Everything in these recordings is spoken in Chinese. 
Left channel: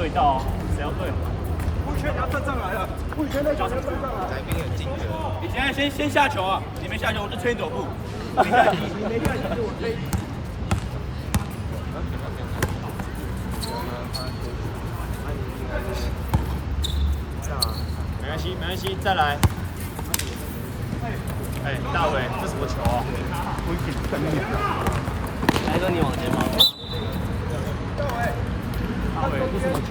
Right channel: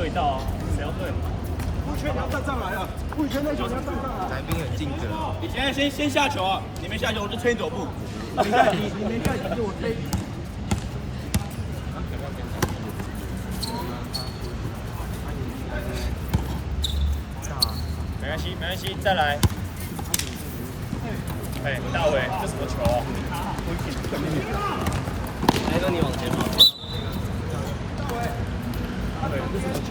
对到啊，谁要对？不圈要站上来了，不圈都交上去。你现在先下球啊！你没下球，我就推你走步。你没怪，是我推。没关系，没关系，再来。哎，大伟，这什么球啊？还说你往前跑。大伟，这什么球？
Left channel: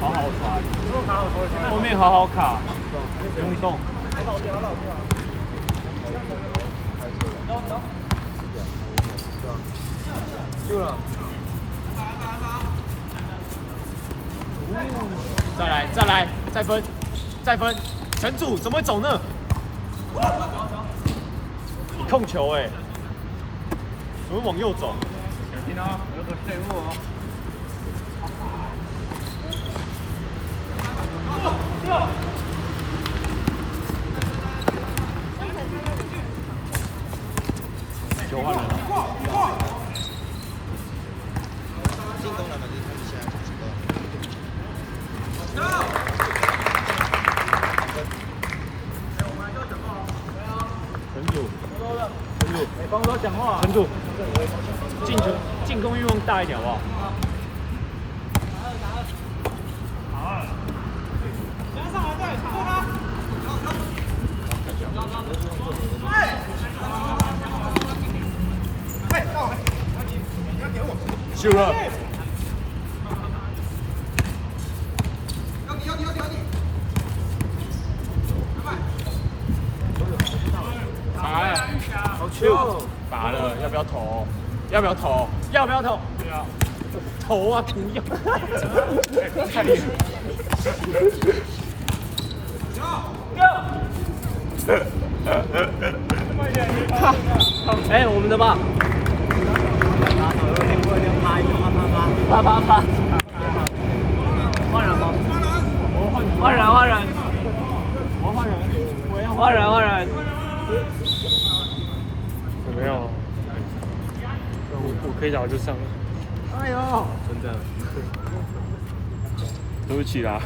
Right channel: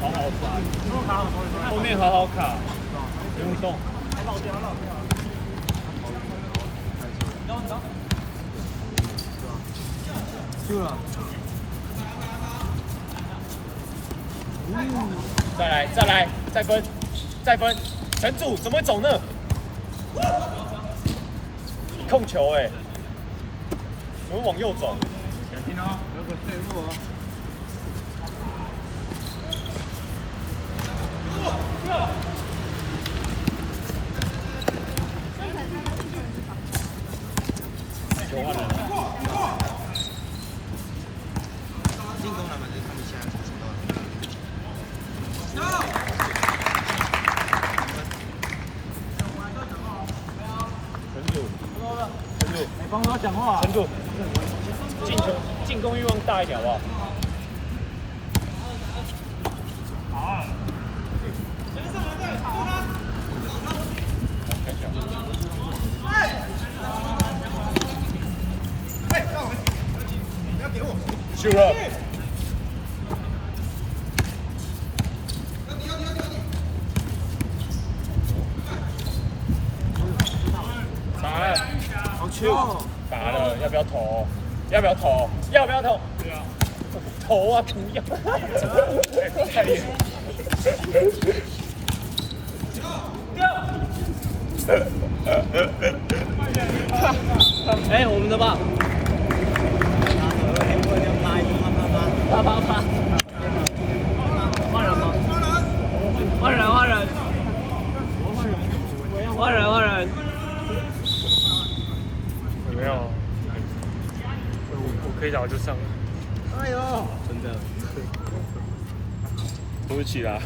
好好传，后面好好卡，不用动。再来，再来，再分，再分，全组怎么会走呢？你控球哎、怎么往右走？小心哦，有个退步哦。帮我讲话，陈主，进攻欲望大一点好不好？不要给我，秀了。打了，好球！打了，要不要投？要不要投？要不要投？对啊，投啊，不要！哎，我们的吧。啪！换人吗？换人。换人。没有，我可以打就上。哎呦！真的，对不起啦。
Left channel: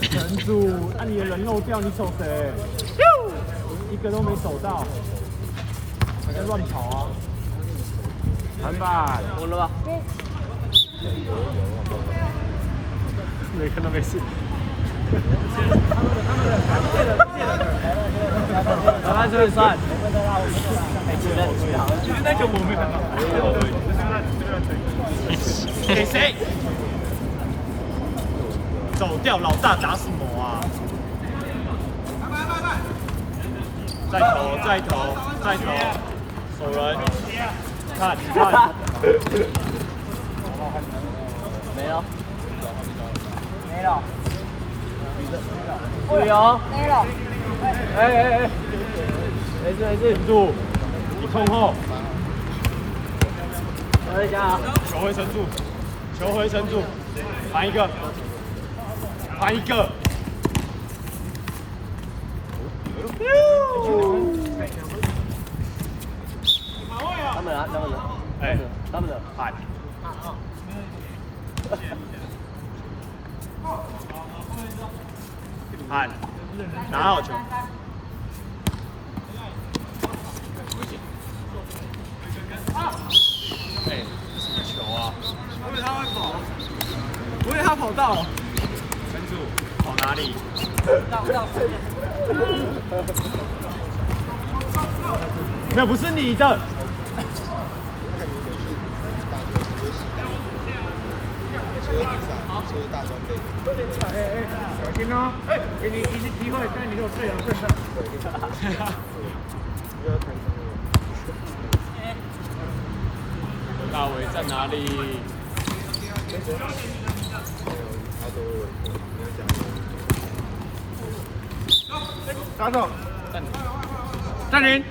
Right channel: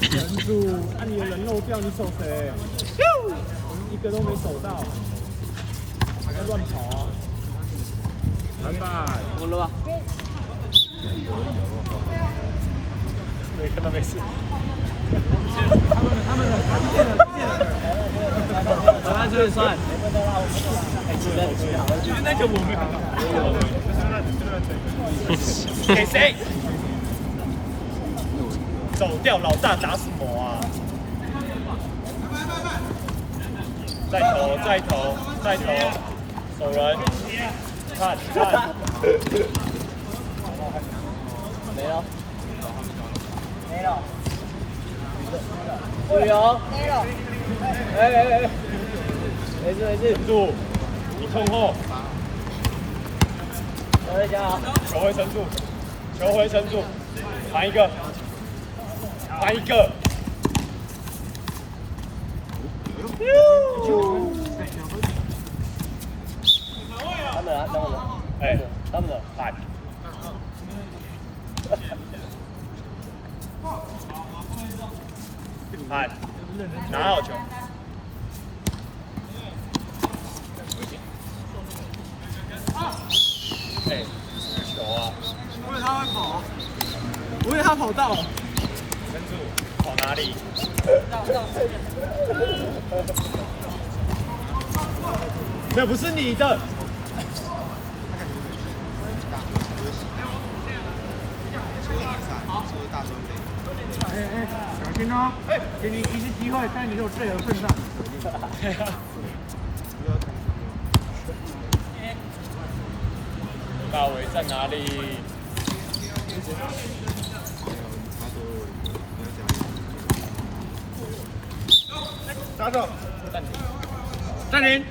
人主，那你的人漏掉，你走谁？一个都没走到，你在乱跑啊！篮板，我了吧？没看到没事。本来这里算。今天那个我没看到。给谁？走掉，老大打什么啊？再投，守人，看，没了。注意哦！哎，没事，住，一控后，等一下啊！球回神助，传一个，哎，他们的喊，拿好球。哎，这个球啊！我以为他会跑，我以为他跑到。神助跑哪里？那不是你的。小心哦！给你一次机会，但你如果队友份上。大伟在哪里？打手，暂停。